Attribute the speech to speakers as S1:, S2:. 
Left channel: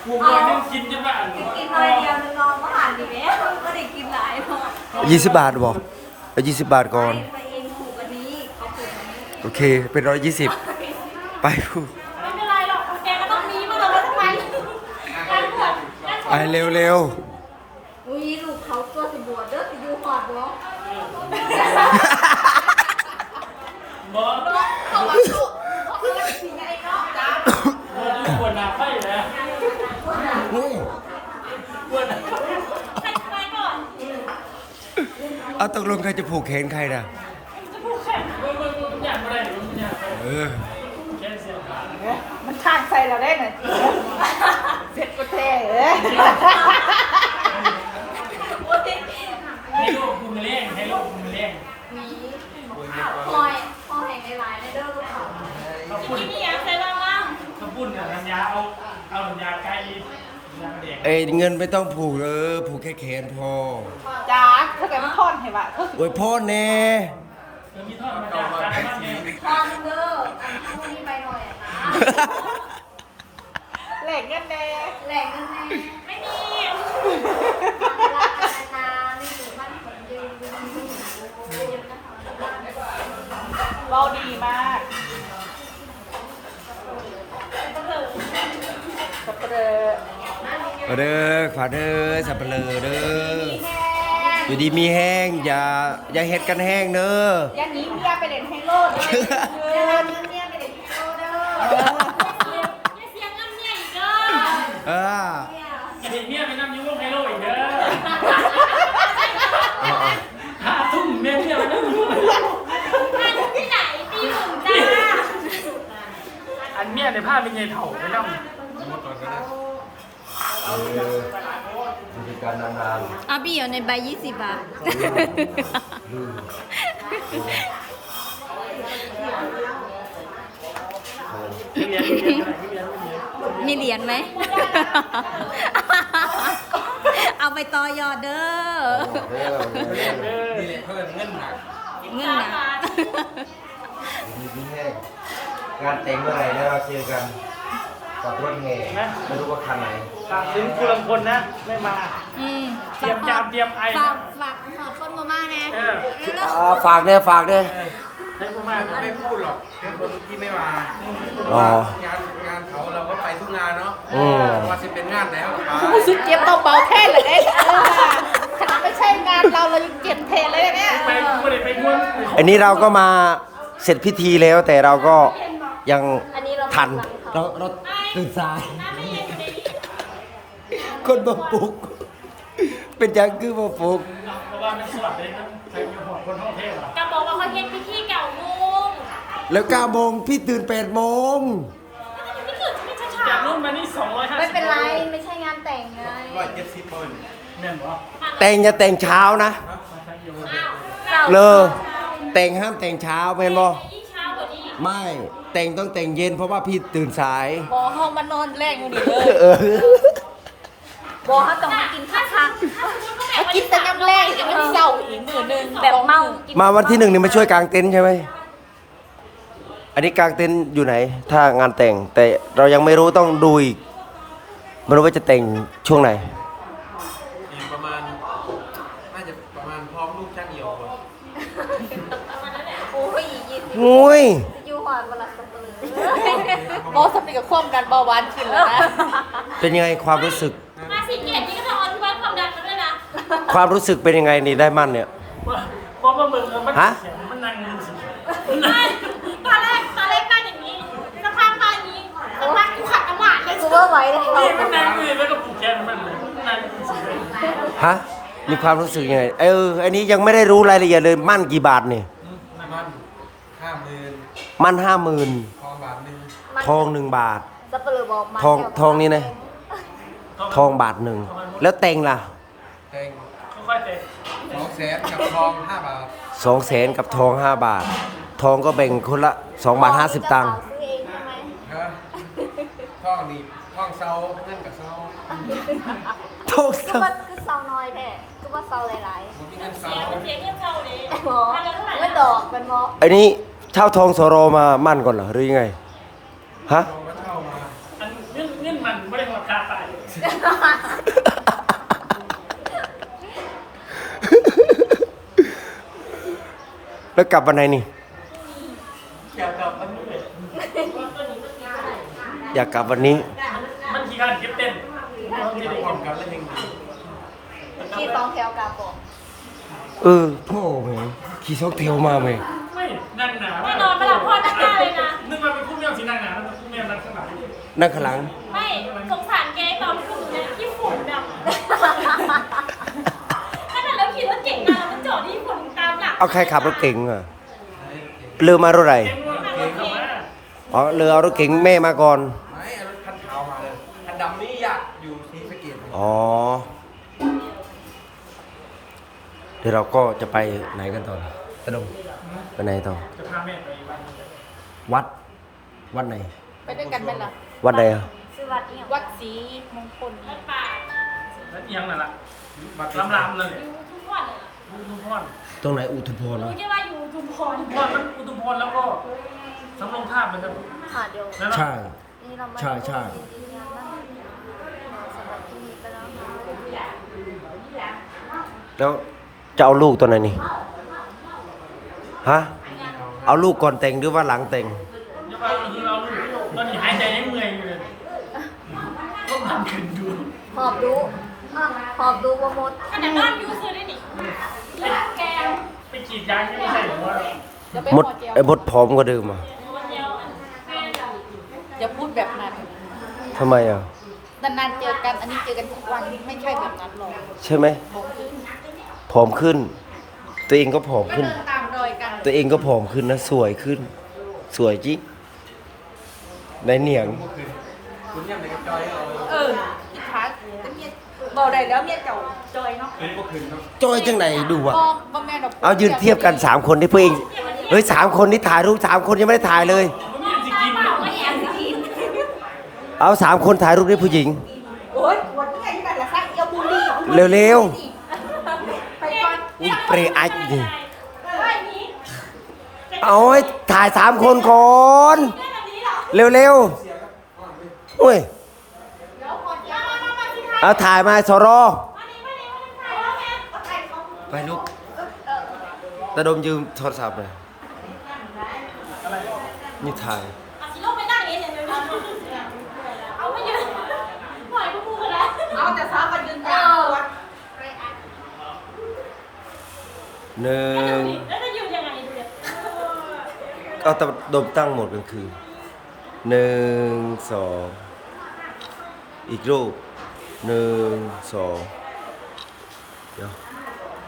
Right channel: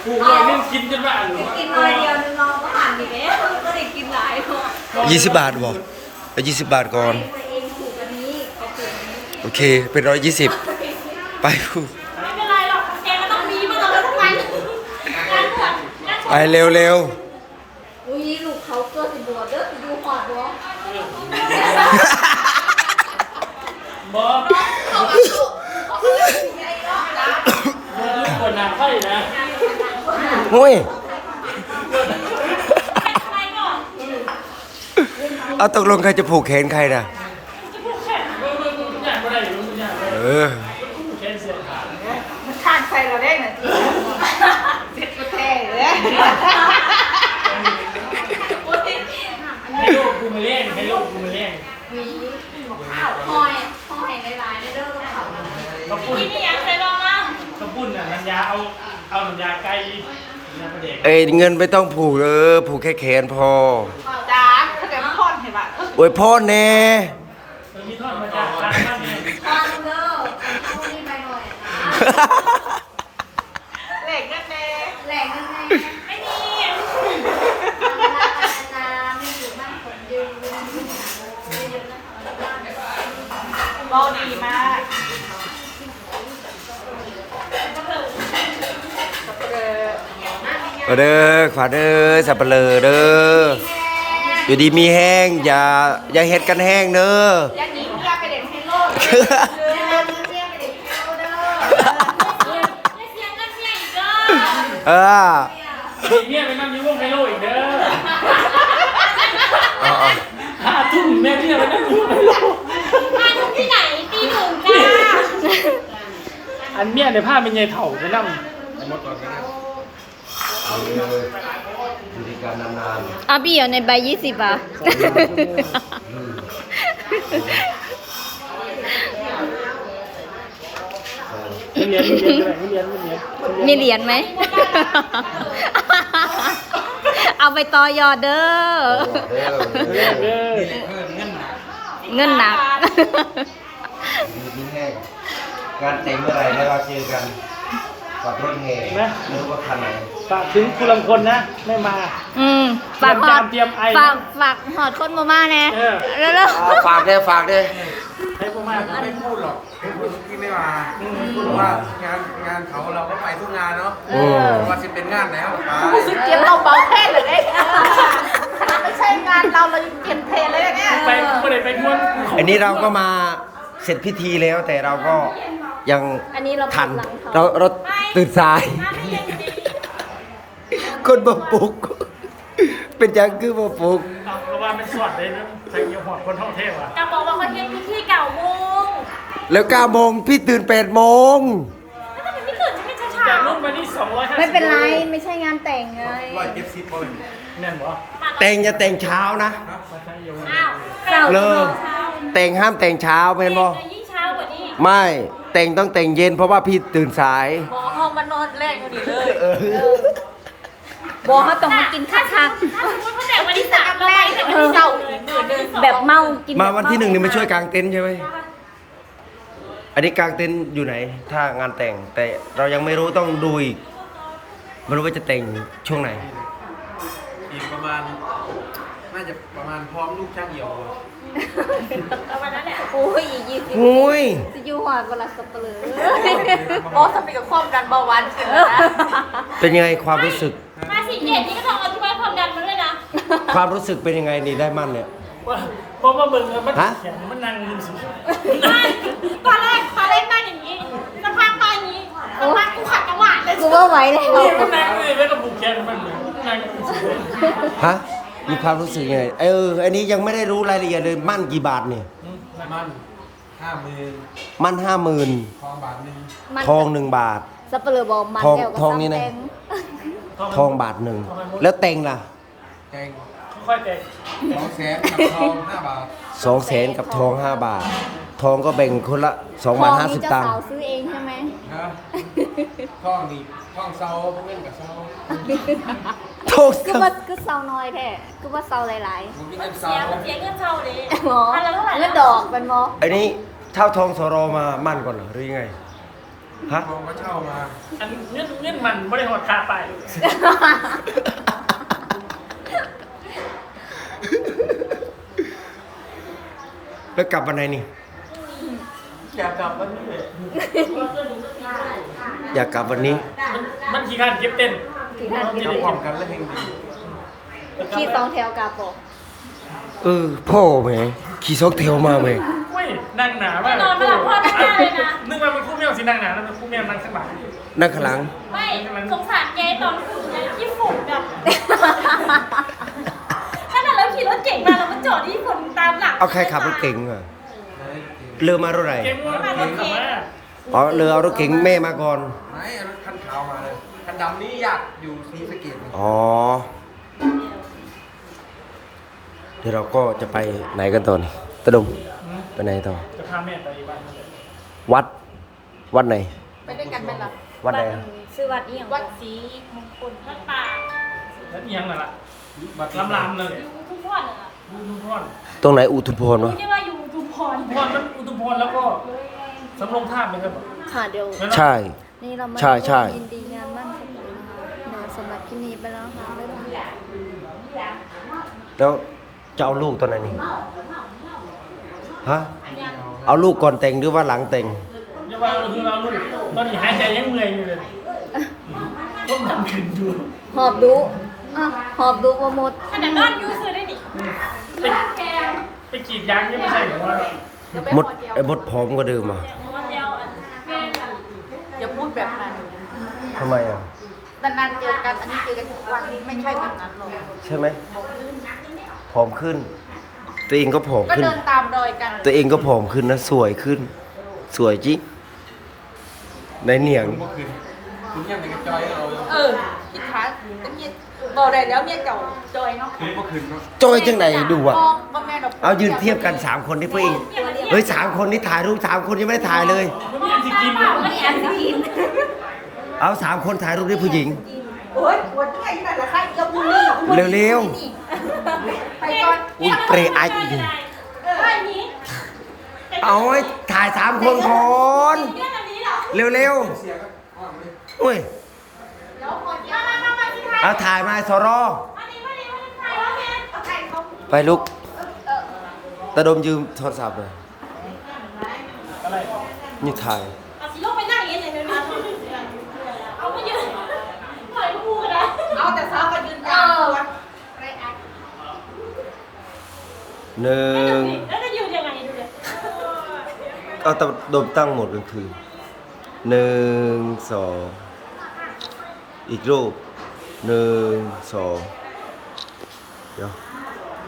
S1: ผูกเลยนึ่งกินจนว่าอัน
S2: กินมาเดียวนึงเราก็หันอีกแล้วก็ได้กินหลายเนาะ
S3: 20 บาทบอกเอา20 บาทก่อน
S2: ไปเองผูกอันนี้เขาผูกอันนี้
S3: โอเคเป็น120ไปผูก
S2: ไม่เป็นไรหรอกแกก็ต้องมีมาเลยทำไมการบวชการบวช
S3: ไปเร็ว
S2: อุ้ยลูกเขาเกิดสิบวชเด้อสิอยู่หอดบ่
S1: บอส
S2: เขาก็ลูกเขาก็เลยสิไงเนาะ
S1: ปวดหนักไฟนะ
S3: ๆหุ้ย
S2: ทำไมก่อน
S3: เอาตกลงใครจะผูกแขนใครนะ
S1: จะผูกแขนเนี่ยไม่ได้เนี่ย
S3: เออ
S1: แขนเสียขาด
S4: มันขาดใส่เราได้น่ะเสร็จกระเทยเลย
S1: ให้โลกกูมาเล่นให้โลกกูมาเล่น
S2: หอยหลายๆในเด้อลูกเขา
S1: เขาพูด
S2: ที่นี่ยังเคยลองมั้ง
S1: เขาพูดน่ะน้ำยาเอาน้ำยาไก่น้ำยาเด็ก
S3: เอ้ยเงินไม่ต้องผูกผูกแค่แขนพอ
S4: จ้าถ้าเกิดว่าพ่นเห็นป่ะ
S3: โอ้ยพ่อแน่
S1: มันมีทอดมาจากทางบ้านเนี่ย
S2: ตอนเด้อพรุ่งนี้ไปหน่อยนะ
S4: แหลกกันแน่
S2: แหลกยังไงไม่มีเวลาพัฒนาไม่อยู่มั่นคงยืนเยอะๆนะคะ
S4: รอดีมาก
S3: เด้อขวาเด้อสับเปลือเด้ออยู่ดีมีแห้งอย่าเฮ็ดกันแห้งเด้อ
S4: ยังหนีแกไปเด่นให้โลด
S2: เวลามีเนี่ยไปเด็กเที่ยวเด้อไม่เสียเงินเนี่ยอีกเด้อ
S3: เออ
S1: เนี่ยไปนั่งในวงไฮโลอีกเด้อ
S3: เอา
S1: 5 ทุ่มแม่เนี่ยไปนั่งในวงไฮโล
S2: มาถึงที่ไหนตีหนึ่งจ้า
S1: อันเนี่ยในผ้าเป็นไงเถ่าไปนั่ง
S3: เอาเลยอยู่ด้วยกันนาน
S2: เอาพี่อยู่ในใบ20อ่ะ
S1: เรียน
S2: มีเหรียญไหม เอาไปต่อยอดเด้อ
S3: ๆเด้อ
S2: เงินหนัก
S3: ดีมีแห้งงานแต่งเมื่อไหร่แล้วเราเจอกันกับรถแห่ไม่รู้ว่าคันไหน
S1: ฝากถึงคุณลำคนนะไม่มา
S2: ฝากหอด
S1: เตรียมไอ
S2: ฝากหอดคนมาแน่
S1: เออ
S2: เร็ว
S3: เอาฝากเนี่ยฝากเนี่ย
S1: ให้พวกมา
S5: ไม่พูดหรอกเป็นคนที่ไม่มาเพ
S3: อ๋อ
S5: ราะว่างานเขาเราก็ไปทุกงานเนาะ
S3: อืม
S5: ว่าสิเป็นงานไหนเขาก็ไป
S4: รู้สึกเจ็บเบาๆแค่เลยขนาดไม่ใช่งานเราเลยเจ็บแทนเลยเนี่ย
S1: ไปไม่ได้ไปม้วน
S3: อันนี้เราก็มาเสร็จพิธีแล้วแต่เราก็ยังทันเราตื่นสาย คนมาปลุก เป็นยังคือมาปลุก
S1: เอาเพราะว่ามันสวดเลยนะใส่ยหอดคนท่องเทพอ่ะ
S2: จะบอกว่าเขาเฮ็ดพิธีเก่าโมง
S3: แล้ว9 โมงพี่ตื่น8 โมง
S2: แล้วทำไมไม่ตื่นไม่ช้า
S1: จากนู้นมานี่250
S2: ไม่เป็นไรไม่ใช่งานแต่งไง
S5: 170เปอร์เซ็นต์
S1: เนี่ยเหรอ
S3: แต่งจะแต่งเช้านะ
S2: อ้าว
S3: เลอแต่งห้ามแต่งเช้าเป็นบ่
S2: ยิ่งเช้ากว่านี้
S3: ไม่แต่งต้องแต่งเย็นเพราะว่าพี่ตื่นสาย
S4: ขอห้องมันนอนแรกอยู่ดีเลย
S3: เออ
S4: บอกเขาต้องมากินข้าวคัก
S2: ถ้าสมมติเขาแต่งวันที่
S4: แต่
S2: 3
S4: ยังแรกแต่วันที่เจ้าอีกเดือนนึง
S2: แบบเมากิน
S3: มาวันที่1นี่มาช่วยกางเต็นท์ใช่ไหมอันนี้กางเต็นท์อยู่ไหน ถ้างานแต่ง แต่เรายังไม่รู้ต้องดูอีกไม่รู้ว่าจะแต่งช่วงไหน
S5: อีกประมาณน่าจะประมาณพร้อมลูกช่างเหี่ยวก่อน
S2: เอาวันนั้นแหละโอ้ย20
S3: งุ้ย
S2: จะอยู่หอดเวลาสับเปลือ
S4: โอ้สำเร็จกับความดันเบาหวานขึ้นแล้วนะ
S3: เป็นยังไงความรู้สึก
S2: มาสิเย็นนี่ก็ต้องเอาที่ไว้ความดันมาด้วยนะ
S3: ความรู้สึกเป็นยังไงนี่ได้มั่นเนี่ย
S1: เพราะว่ามึงมัน
S3: ฮะ
S1: แข็งมันนั่งสิ
S2: ตอนแรกนั่งอย่างนี้สักพักมาอย่างนี้สักพักกูขัดจังหวะเลยกูไม่ไหวเลย
S1: นี่มันนั่งเลยแล้วก็ผูกแขนมันเลยนั่งสิเลย
S3: ฮะมีความรู้สึกยังไงอันนี้ยังไม่ได้รู้รายละเอียดเลยมั่นกี่บาทเนี่ย
S5: มัน50,000
S3: มั่น50,000
S5: ทองบาทหนึง
S3: ทอง1 บาท
S2: สับเปลือบอกมา
S3: ทองนี่นะ ทองบาทหนึ่งแล้วแต่งล่ะ
S5: แต่ง
S1: ค่อยๆเตะ
S5: 200,000กับทอง5 บาท
S3: 200,000กับทอง5 บาท ทองก็แบ่งคนละ2 บาท 50 ตังค์
S2: ซื้อเองใช่ไหม
S5: ฮะทองนี่ทองเซาเงินกับเซา
S3: ทอง
S2: คือว่าคือเซาน้อยแท้คือว่าเซาหลาย
S5: ผมกินเงินเซา
S2: ๆเสียเงินเซาดิพันละเท่าไหร่แล้วดอกเป็นมอ
S3: ไอ้นี่เช่าทองสโรมามั่นก่อนเหรอหรือยังไงฮะ
S5: ทองก็เช่ามา
S1: อันเงินมันไม่ได้หดขาไป
S3: แล้วกลับวันไหนนี่
S1: อยากกลับวันนี้เลย
S3: อยากกลับวันนี้
S1: มันขี่การเก็บเต้น
S5: จับความกันแล้วยังดี
S2: ขี่สองแถวกลับบอก
S3: พ่อแหมขี่ซอกเทลมาแหม
S1: เว้ยนั่งหนามาก
S2: นอนไม่หลับพ่อไม่ได้เลยนะ
S1: นึกว่าเป็นคู่แมวสินั่งหนานั่นคู่แมวนั่งข้างหลัง
S3: นั่งข้างหลัง
S2: ไม่สงสารแกตอนขึ้นเลยที่ฝุ่นแบบขนาดเราขี่รถเก่งมาเราก็จอดที่ฝุ่นตามหลัง
S3: เอาใครขับรถเก๋งอ่ะเรือมารถอะไร
S1: เก่งมากเก่งมาก
S3: อ๋อเรือเอารถเก๋งแม่มาก่อน
S5: ไม่เอารถคันขาวมาเลยคันดำนี่อยากอยู่ศรีสะเกษ
S3: อ๋อ เดี๋ยวเราก็จะไปไหนกันต่อนี่ตะดงไปไหนต่อ
S1: จะพาแม่ไปบ้าน
S3: วัด วัดไหน
S4: ไปด้วยกันเป็นหรอ
S3: วัดไหนอะ
S2: ซื้อวัดเนี่ย
S4: วัดศรี
S2: มงคลพระป่า
S1: แล้วเอียงนั่นแหละ
S5: บัตร
S1: ลำเลย
S2: อยู่ทุกวันน่ะ
S1: อุทุมพร
S3: ตรงไหนอุทุมพร
S2: รู้
S3: วะ
S2: ที่ว่าอยู่ทุมพร
S1: มันอุทุมพรแล้วก็สำโรงท่ามันครับ
S6: ค่ะเดี๋ยว
S3: ใช่
S6: นี่เรามา
S3: ใช่ใช่
S6: ยินดีงานมั่นสำหรับที่นี่ไปแล้วค่ะ
S3: แล้วจะเอาลูกตัวไหนนี่ ฮะ เอาลูกก่อนแต่งหรือว่าหลังแต่ง
S1: เรียกว่าคือเราลูกตอนนี้หายใจยังเมื่อยอยู่เลยต้องทำขึ้นดู
S6: หอบดูหอบดูโปรโมท
S2: ขนาดนอนอยู่ซื้อได้ดิแก
S1: ไปกรีดยางยังไม่ใช่หรือว่า
S3: มดไอ้มดผอมกว่าเดิมอ่ะ
S2: วันเดียวแก
S4: อย่าพูดแบบนั้น
S3: ทำไมอ่ะ
S4: นานๆเจอกันอันนี้เจอกันทุกวันไม่ใช่แบบนั้นหรอก
S3: ใช่ไหมผอมขึ้น ตัวเองก็ผอม
S4: ก็
S3: ขึ้น
S4: เดินตามรอยกัน
S3: ตัวเองก็ผอมขึ้นนะ สวยขึ้น สวยจริงในเหนียง
S5: คุณเยี่ยมไปกับจอยเรา
S4: พี่ขาเป็นเมียบอกได้แล้วเมียเจ้าจอยเนาะ
S5: คุณก็คืนเนาะ
S3: จอยจังไหนดูอ่ะ
S4: ก็แม่น
S3: เอายืนเทียบกัน3คนที่เพื่อนเฮ้ย3คนนี่ถ่ายรูป3คนยังไม่ได้ถ่ายเลย
S1: มันมีที่กิน
S2: เปล่าก็แอนกิน
S3: เอา3คนถ่ายรูปได้ผู้หญิง
S4: โอ้ยวันนี้ไงนั่นแหละค่ะเอียวบุรี
S3: เร็ว
S4: ไปก่อน
S3: ๆ อุ้ยเปรย์ไอ้นี่
S2: ไอ้นี้
S3: เอาให้ถ่าย3คนก่อนเร็วๆโอ้ยเอาถ่ายมาสรอไปลุกตาดมยืมโทรศัพท์หน่อยนี่ถ่าย
S2: เอาสิลงไปนั่งอย่างนี้เดี๋ยวนี้เอาไปยืนปล่อยพูดนะ
S4: เอาแต่เช้าไปยืนกลางวัดไปอัด
S3: หนึ่ง
S2: แล้วจะยืนยังไงดูเลย
S3: เอาตาดมตั้งหมดกลางคืน1 2อีกรูป1 2เดี๋ยว